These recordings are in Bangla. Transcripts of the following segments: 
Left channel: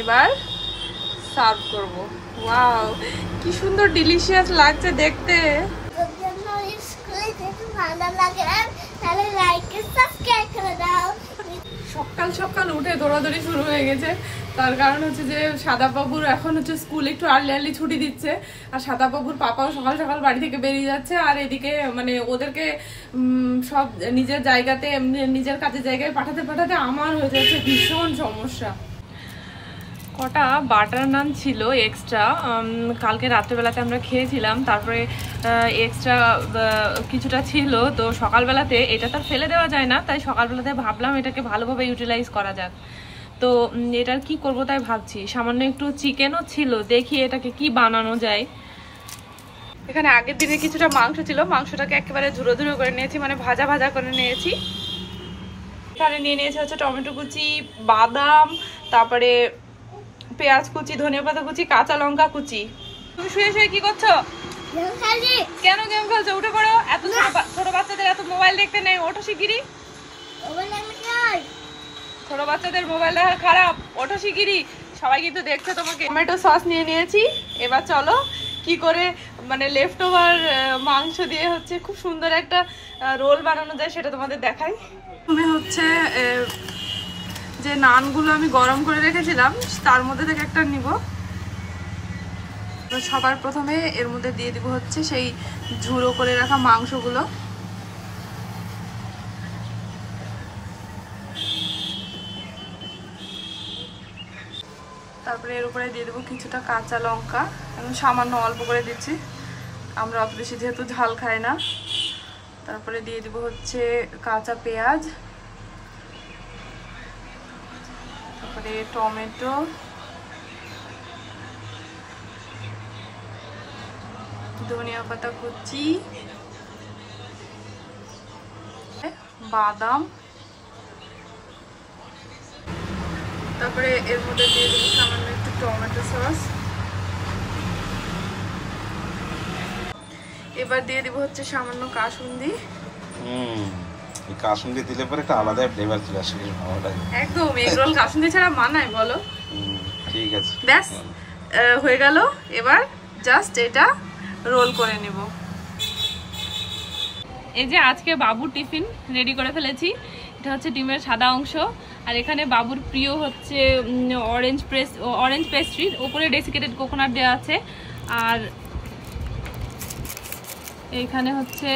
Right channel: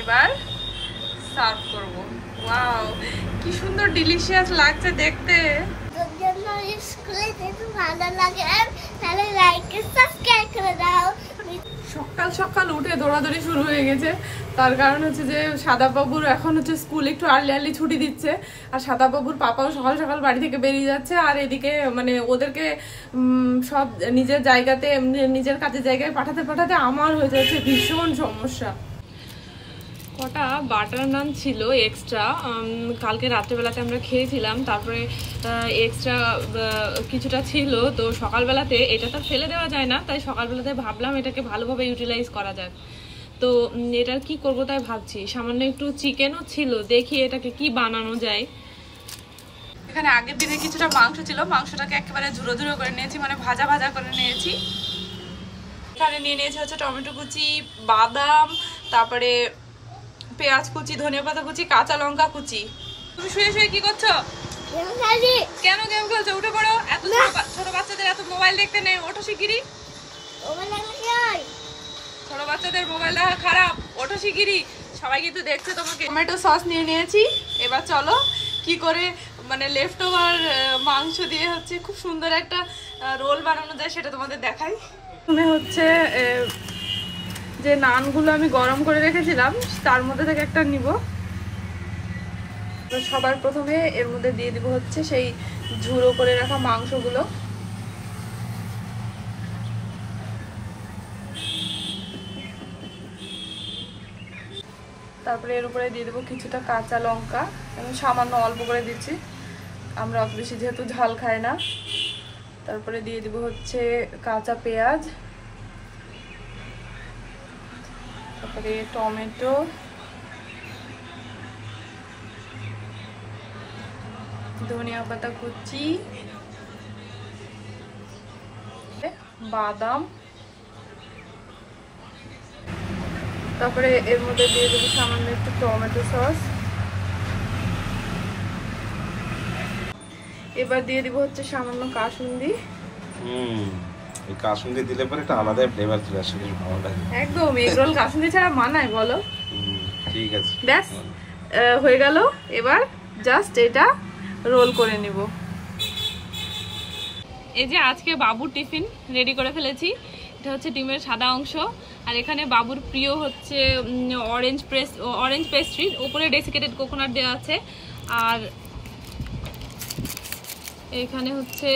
এবার সার্ভ করব। ওয়াও, কি সুন্দর ডিলিশিয়াস লাগছে দেখতে। সকাল সকাল উঠে দৌড়াদৌড়ি শুরু হয়ে গেছে। তার কারণ হচ্ছে যে সাদাবাবুর এখন হচ্ছে স্কুল একটু আর্লি ছুটি দিচ্ছে, আর সাদাবাবুর পাপাও সকাল সকাল বাড়ি থেকে বেরিয়ে যাচ্ছে। আর এদিকে মানে ওদেরকে সব নিজের জায়গাতে নিজের কাজের জায়গায় পাঠাতে পাঠাতে আমার হয়ে যাচ্ছে ভীষণ সমস্যা। কটা বাটার নান ছিল এক্সট্রা, কালকে রাত্রেবেলাতে আমরা খেয়েছিলাম, তারপরে এক্সট্রা কিছুটা ছিল। তো সকালবেলাতে এটা তো ফেলে দেওয়া যায় না, তাই সকালবেলাতে ভাবলাম এটাকে ভালোভাবে ইউটিলাইজ করা যাক। তো এটার কি করব তাই ভাবছি। সামান্য একটু চিকেনও ছিল, দেখি এটাকে কি বানানো যায়। এখানে আগের দিনে কিছুটা মাংস ছিল, মাংসটাকে একেবারে ঝুড়ো ঝুড়ো করে নিয়েছি, মানে ভাজা ভাজা করে নিয়েছি। এখানে নিয়ে নিয়েছি হচ্ছে টমেটো কুচি, বাদাম, তারপরে পেঁয়াজ কুচি, ধনিয়া পাতা কুচি, কাঁচা লঙ্কা কুচি। তুমি শুয়ে শুয়ে কি করছো? কেন গেম খেলছো? উঠে পড়ো। এত ছোট বাচ্চাদের এত মোবাইল দেখতে নেই, ওঠো শিগগিরি। ছোট বাচ্চাদের মোবাইল দেখা খারাপ, ওঠো শিগগিরি। সবাই কিন্তু দেখছে তোমাকে। টমেটো সস নিয়ে নিয়েছি। এবার চলো কি করে মানে লেফট ওভার মাংস দিয়ে হচ্ছে খুব সুন্দর একটা রোল বানানো যায় সেটা তোমাদের দেখাই। তুমি হচ্ছে যে নানগুলো আমি গরম করে রেখেছিলাম তার মধ্যে থেকে একটা নিব। তো সবার প্রথমে এর মধ্যে দিয়ে দিব হচ্ছে সেই ঝুড়ো করে রাখা মাংসগুলো। তারপরে এর উপরে দিয়ে দেবো কিছুটা কাঁচা লঙ্কা, এবং সামান্য অল্প করে দিচ্ছি, আমরা অত বেশি যেহেতু ঝাল খাই না। তারপরে দিয়ে দিব হচ্ছে কাঁচা পেঁয়াজ, তারপরে টমেটো, ধনিয়া পাতা কুচি, বাদাম, তারপরে এর মধ্যে দিয়ে দেবো সামান্য একটু টমেটো সস। এবার দিয়ে দিব হচ্ছে সামান্য কাসুন্দি। কাসুন্দি দিলে পরে একটা আলাদা ফ্লেভার চলে আসে, ভালো লাগে একদম। এগ রোল কাসুন্দি ছাড়া মানায় বলো? ঠিক আছে, ব্যাস হয়ে গেল। এবার জাস্ট এটা রোল করে নিব। এই যে আজকে বাবুর টিফিন রেডি করে ফেলেছি। এটা হচ্ছে ডিমের সাদা অংশ, আর এখানে বাবুর প্রিয় হচ্ছে অরেঞ্জ পেস্ট্রি, উপরে ডেসিকেটেড কোকোনাট দেওয়া আছে। আর এখানে হচ্ছে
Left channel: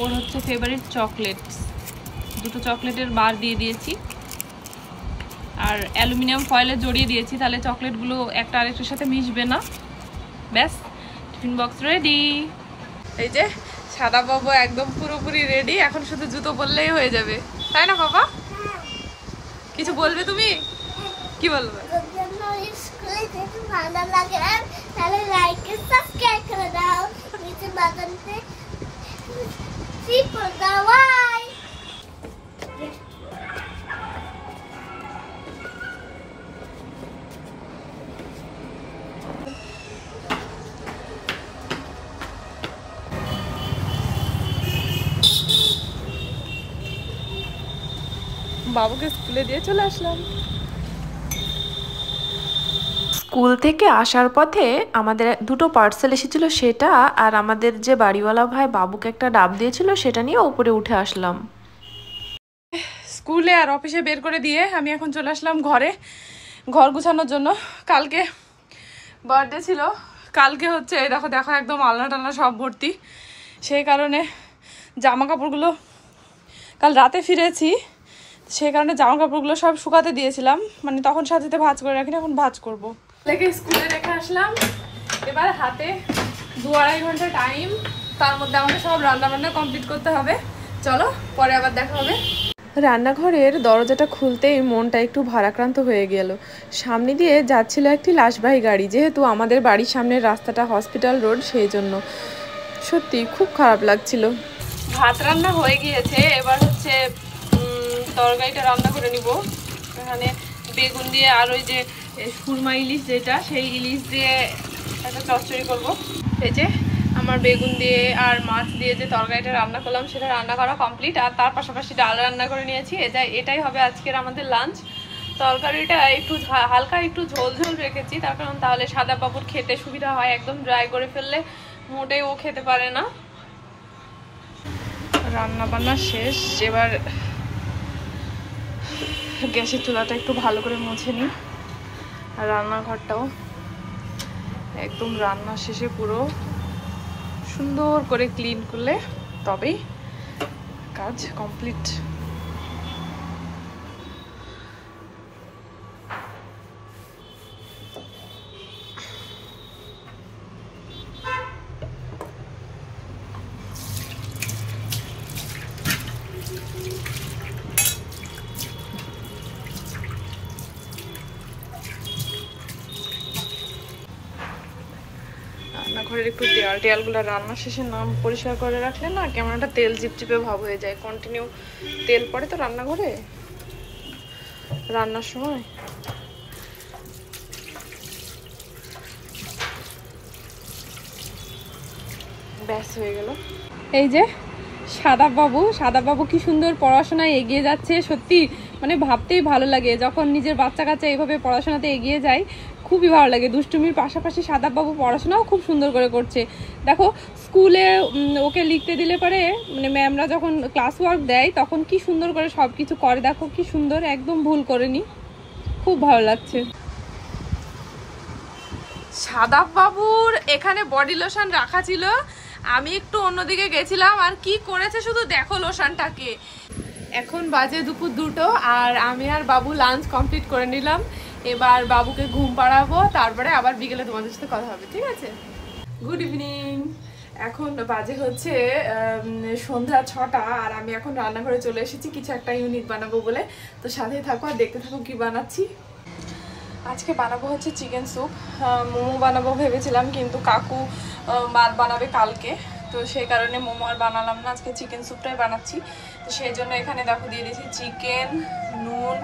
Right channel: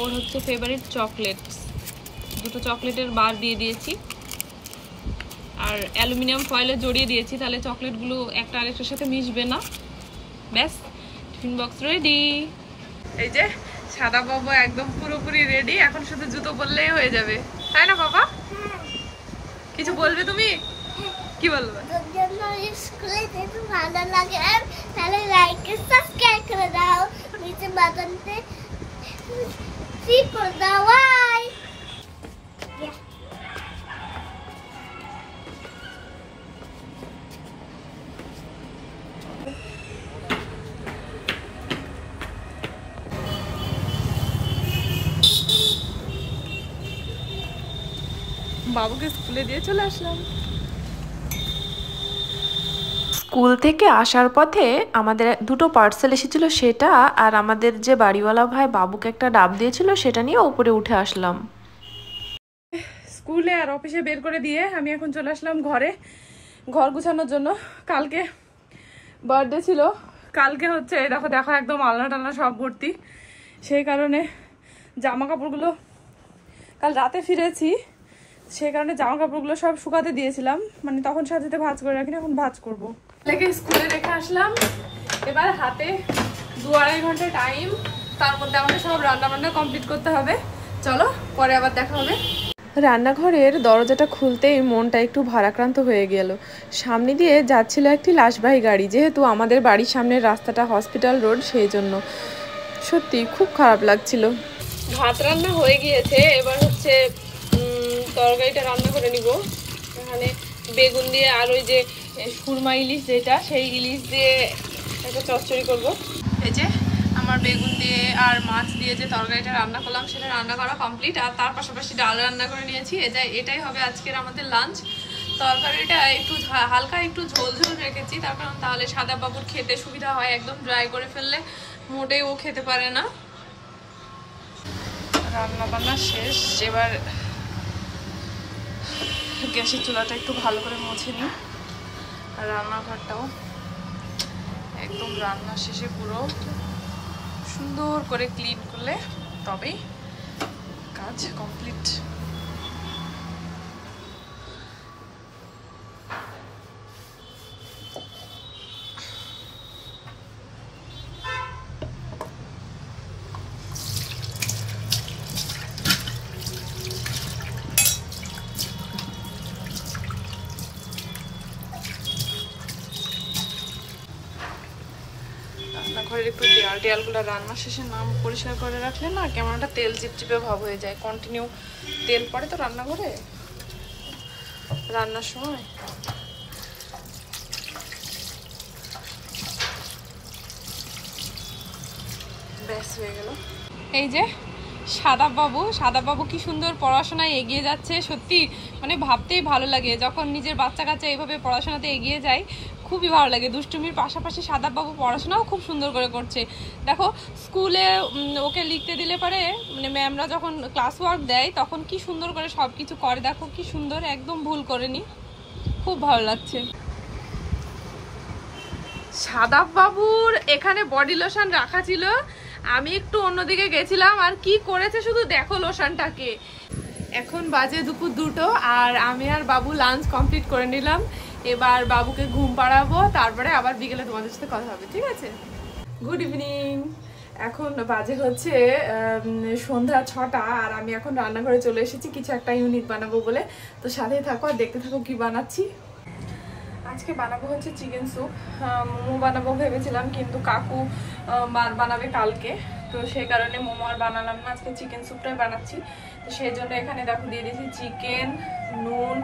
ওর হচ্ছে ফেভারিট চকলেট, দুটো চকলেটের বার দিয়ে দিয়েছি, আর অ্যালুমিনিয়াম ফয়েলে জড়িয়ে দিয়েছি, তাহলে চকলেটগুলো একটা আরেকটার সাথে মিশবে না। ব্যাস, টিফিন বক্স রেডি। এই যে সাদা বাবু একদম পুরোপুরি রেডি, এখন শুধু জুতো পরলেই হয়ে যাবে, তাই না বাবা? কিছু বলবে তুমি? কি বলবে? ভালো লাগে তাহলে লাইক সাবস্ক্রাইব করে দাও, নিচে বাটনতে ক্লিক করে দাও। বাই। বাবুকে স্কুলে দিয়ে চলে আসলাম। স্কুল থেকে আসার পথে আমাদের দুটো পার্সেল এসেছিল, সেটা আর আমাদের যে বাড়িওয়ালা ভাই বাবুকে একটা ডাব দিয়েছিল সেটা নিয়ে উপরে উঠে আসলাম। স্কুলে আর অফিসে বের করে দিয়ে আমি এখন চলে আসলাম ঘরে, ঘর গুছানোর জন্য। কালকে বার্থডে ছিল, কালকে হচ্ছে দেখো দেখো একদম আলনা টালনা সব ভর্তি। সেই কারণে জামা কাপড়গুলো কাল রাতে ফিরেছি, সেই কারণে জামা কাপড়গুলো সব শুকাতে দিয়েছিলাম, মানে তখন সাথে ভাঁজ করে রাখিনি, এখন ভাঁজ করবো। স্কুলে রেখে আসলাম। এবার হাতে 2-2.5 ঘন্টা টাইম, তার মধ্যে আমাকে সব রান্না বান্না কমপ্লিট করতে হবে। চলো পরে আবার দেখা হবে। রান্নাঘরের দরজাটা খুলতেই মনটা একটু ভারাক্রান্ত হয়ে গেল। সামনে দিয়ে যাচ্ছিল একটি লাশবাহী গাড়ি, যেহেতু আমাদের বাড়ির সামনের রাস্তাটা হসপিটাল রোড, সেই জন্য সত্যি খুব খারাপ লাগছিল। ভাত রান্না হয়ে গিয়েছে, এবার হচ্ছে তরকারিটা রান্না করে নিব। এখানে বেগুন দিয়ে আর ওই যে সুরমা ইলিশ যেটা, সেই ইলিশ দিয়ে একটা চচ্চড়ি করব। এই যে আমার বেগুন দিয়ে আর মাছ দিয়ে যে তরকারিটা রান্না করলাম সেটা রান্না করা কমপ্লিট, আর তার পাশাপাশি ডাল রান্না করে নিয়েছি। এটাই হবে আজকের আমাদের লাঞ্চ। তরকারিটা একটু হালকা একটু ঝোল ঝোল রেখেছি, তার কারণ তাহলে সাদা বাবুর খেতে সুবিধা হয়। একদম ড্রাই করে ফেললে মোটেই ও খেতে পারে না। রান্না বান্না শেষ, এবার গ্যাসের চুলাটা একটু ভালো করে মুছে নিই, আর রান্নাঘরটাও একদম রান্না শেষে পুরো সুন্দর করে ক্লিন করলে তবেই কাজ কমপ্লিট। রান্নাঘরের একটু টেয়ালগুলো রান্না শেষে নাম পরিষ্কার করে রাখলে না কেমন একটা তেল চিপচিপে ভাব হয়ে যায়। কন্টিনিউ তেল পড়ে তো রান্নাঘরে রান্নার সময়। ব্যাস হয়ে গেল। এই যে সাদা বাবু কি সুন্দর পড়াশোনায় এগিয়ে যাচ্ছে। সত্যি মানে ভাবতেই ভালো লাগে, যখন নিজের বাচ্চা কাচ্চা এইভাবে পড়াশোনাতে এগিয়ে যায় খুবই ভালো লাগে। দুষ্টুমির পাশাপাশি সাদা বাবু পড়াশোনাও খুব সুন্দর করে করছে। দেখো স্কুলে ওকে লিখতে দিলে পরে মানে ম্যামরা যখন ক্লাস ওয়ার্ক দেয় তখন কি সুন্দর করে সবকিছু করে, দেখো কি সুন্দর, একদম ভুল করেনি, খুব ভালো লাগছে। সাদা বাবুর এখানে বডি লোশন রাখা ছিল, আমি একটু অন্যদিকে গেছিলাম, আর কি করেছে শুধু দেখো লোশনটাকে। এখন বাজে দুপুর 2টো, আর আমি আর বাবু লাঞ্চ কমপ্লিট করে নিলাম। এবার বাবুকে ঘুম পাড়াবো, তারপরে আবার বিকেলে তোমাদের সাথে কথা হবে, ঠিক আছে? Good evening. এখন বাজে হচ্ছে সন্ধ্যা 6টা, আর আমি এখন রান্নাঘরে চলে এসেছি কিছু একটা ইউনিক বানাবো বলে। তো সাথেই থাকো আর দেখতে থাকো কি বানাচ্ছি। আজকে বানাবো হচ্ছে চিকেন স্যুপ। মোমো বানাবো ভেবেছিলাম, কিন্তু কাকু বানাবে কালকে, তো সেই কারণে মোমো আর বানালাম না, আজকে চিকেন স্যুপটাই বানাচ্ছি। তো সেই জন্য এখানে দেখো দিয়ে দিয়েছি চিকেন, নুন,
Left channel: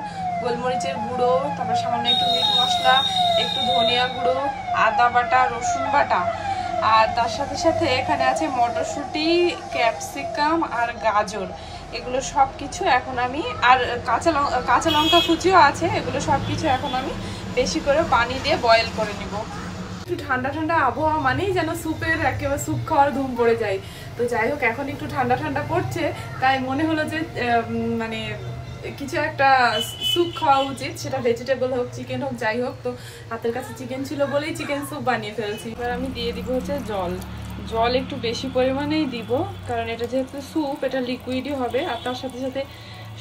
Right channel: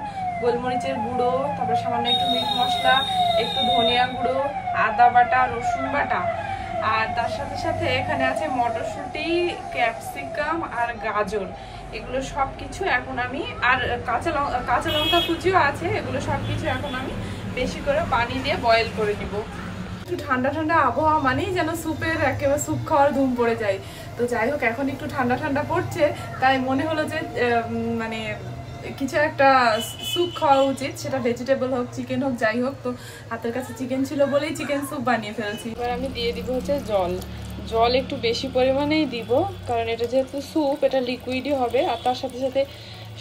গোলমরিচের গুঁড়ো, তারপর সামান্য একটু মিট মশলা, একটু ধনিয়া গুঁড়ো, আদা বাটা, রসুন বাটা, আর তার সাথে সাথে এখানে আছে মটরশুঁটি, ক্যাপসিকাম আর গাজর। এগুলো সব কিছু এখন আমি, আর কাঁচা লঙ্কা কুচিও আছে, এগুলো সব কিছু এখন আমি বেশি করে পানি দিয়ে বয়েল করে নিব। একটু ঠান্ডা ঠান্ডা আবহাওয়া মানেই যেন স্যুপের একেবারে স্যুপ খাওয়ার ধুম পড়ে যায়। তো যাই হোক, এখন একটু ঠান্ডা ঠান্ডা পড়ছে, তাই মনে হলো যে মানে কিছু একটা স্যুপ খাওয়া উচিত, সেটা ভেজিটেবল হোক, চিকেন হোক, যাই হোক। তো হাতের কাছে চিকেন ছিল বলেই চিকেন স্যুপ বানিয়ে ফেলছি। এবার আমি দিয়ে দিব হচ্ছে জল একটু বেশি পরিমাণেই দিব, কারণ এটা যেহেতু স্যুপ, এটা লিকুইডই হবে, আর তার সাথে সাথে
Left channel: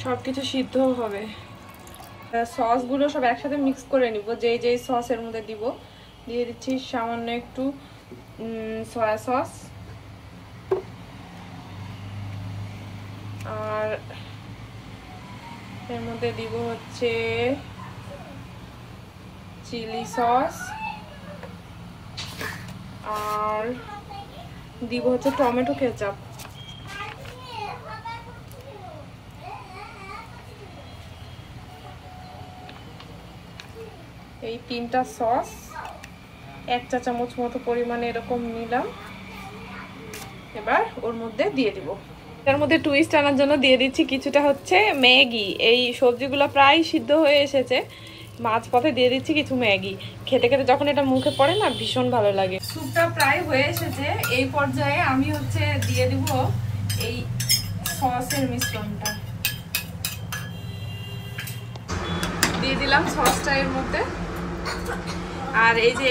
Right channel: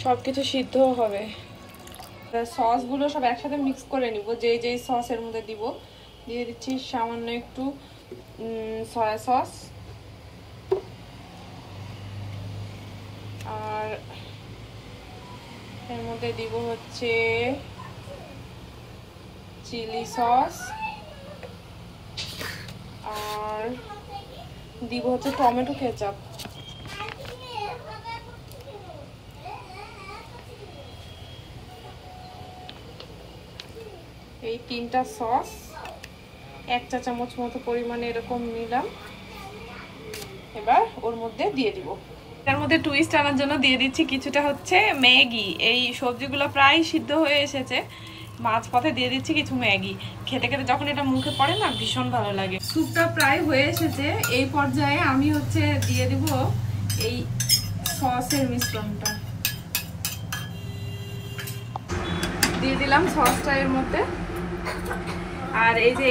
সবকিছু সিদ্ধও হবে। সসগুলো সব একসাথে মিক্স করে নিব, যেই সসের মধ্যে দিব। দিয়ে দিচ্ছি সামান্য একটু সয়া সস, আর এর মধ্যে দিব হচ্ছে চিলি সস, আর দিব হচ্ছে টমেটো কেচাপ। এই 3টা সস 1 চা চামচ মতো পরিমাণে এরকম নিলাম, এবার ওর মধ্যে দিয়ে দিব। এর মধ্যে টুইস্ট আনার জন্য দিয়ে দিচ্ছি কিছুটা হচ্ছে ম্যাগি। এই সবজিগুলো প্রায় সিদ্ধ হয়ে এসেছে, মাঝপথে দিয়ে দিচ্ছি কিছু ম্যাগি। খেতে খেতে যখন এটা মুখে পড়ে না, ভীষণ ভালো লাগে। স্যুপটা প্রায় হয়ে এসেছে, এই পর্যায়ে আমি হচ্ছে দিয়ে দিব এই সসের মিশ্রণটা। দিয়ে দিলাম সসটা এর মধ্যে, আর এই যে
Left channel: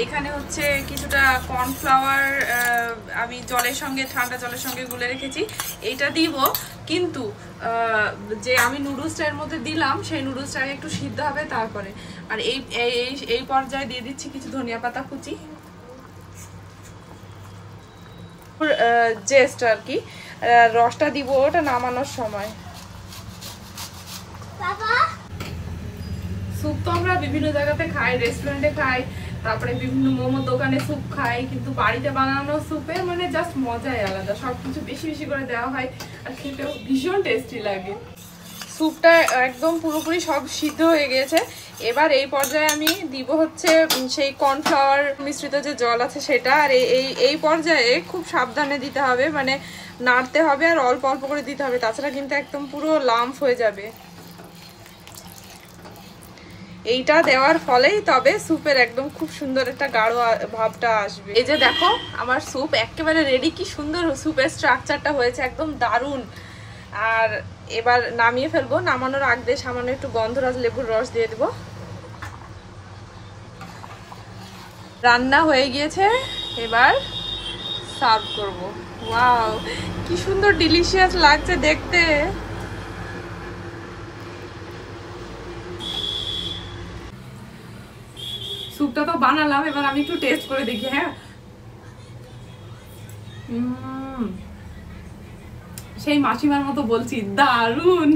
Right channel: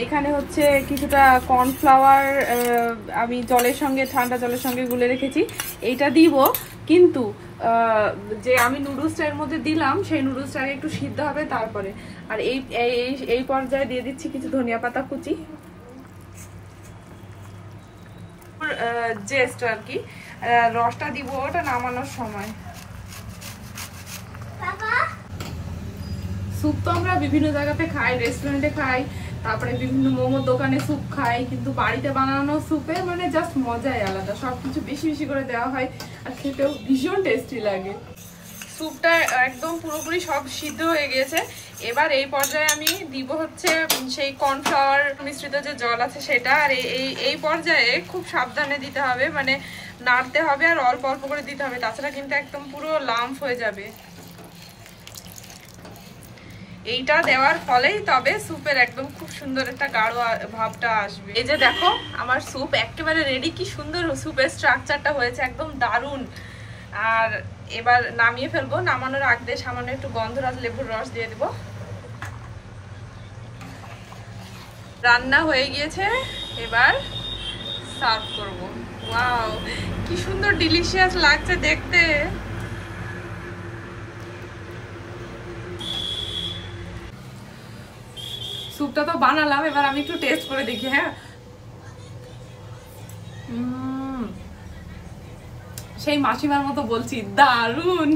এইখানে হচ্ছে কিছুটা কর্নফ্লাওয়ার আমি ঠান্ডা জলের সঙ্গে গুলে রেখেছি, এইটা দিব। কিন্তু যে আমি নুডলসটা এর মধ্যে দিলাম, সেই নুডলসটা একটু সিদ্ধ হবে তারপরে। আর এই পর্যায়ে দিয়ে দিচ্ছি কিছু ধনিয়া পাতা কুচি, জেস্ট আর কি। রসটা দিব ওটা নামানোর সময়। স্যুপ তো আমরা বিভিন্ন জায়গাতে খাই, রেস্টুরেন্টে খাই, তারপরে বিভিন্ন মোমোর দোকানে স্যুপ খাই, কিন্তু বাড়িতে বানানো স্যুপে মানে জাস্ট মজাই আলাদা। সবকিছু বেশি বেশি করে দেওয়া হয়, আর খেতেও ভীষণ টেস্টি লাগে। স্যুপটা একদম পুরোপুরি সব সিদ্ধ হয়ে গিয়েছে। এবার এই পর্যায়ে আমি দিব হচ্ছে সেই কর্নফ্লাওয়ার মিশ্রিত যে জল আছে সেটা। আর এই পর্যায়ে খুব সাবধানে দিতে হবে, মানে নাড়তে হবে, আর অল্প অল্প করে দিতে হবে, তাছাড়া কিন্তু একদম পুরো লাম্প হয়ে যাবে। এইটা দেওয়ার ফলেই তবে স্যুপের একদম খুব সুন্দর একটা গাঢ় ভাবটা আসবে। এই যে দেখো আমার স্যুপ একেবারে রেডি, কি সুন্দর স্যুপের স্ট্রাকচারটা হয়েছে, একদম দারুণ। আর এবার নামিয়ে ফেলবো, নামানোর আগ দিয়ে সামান্য একটু গন্ধরাজ লেবুর রস দিয়ে দেবো। রান্না হয়ে গিয়েছে, এবার সার্ভ করবো। ওয়াও, কি সুন্দর ডিলিশিয়াস লাগছে দেখতে। স্যুপটা তো বানালাম, এবার আমি একটু টেস্ট করে দেখি। হ্যাঁ, সেই মাসিমার মতো বলছি, দারুন।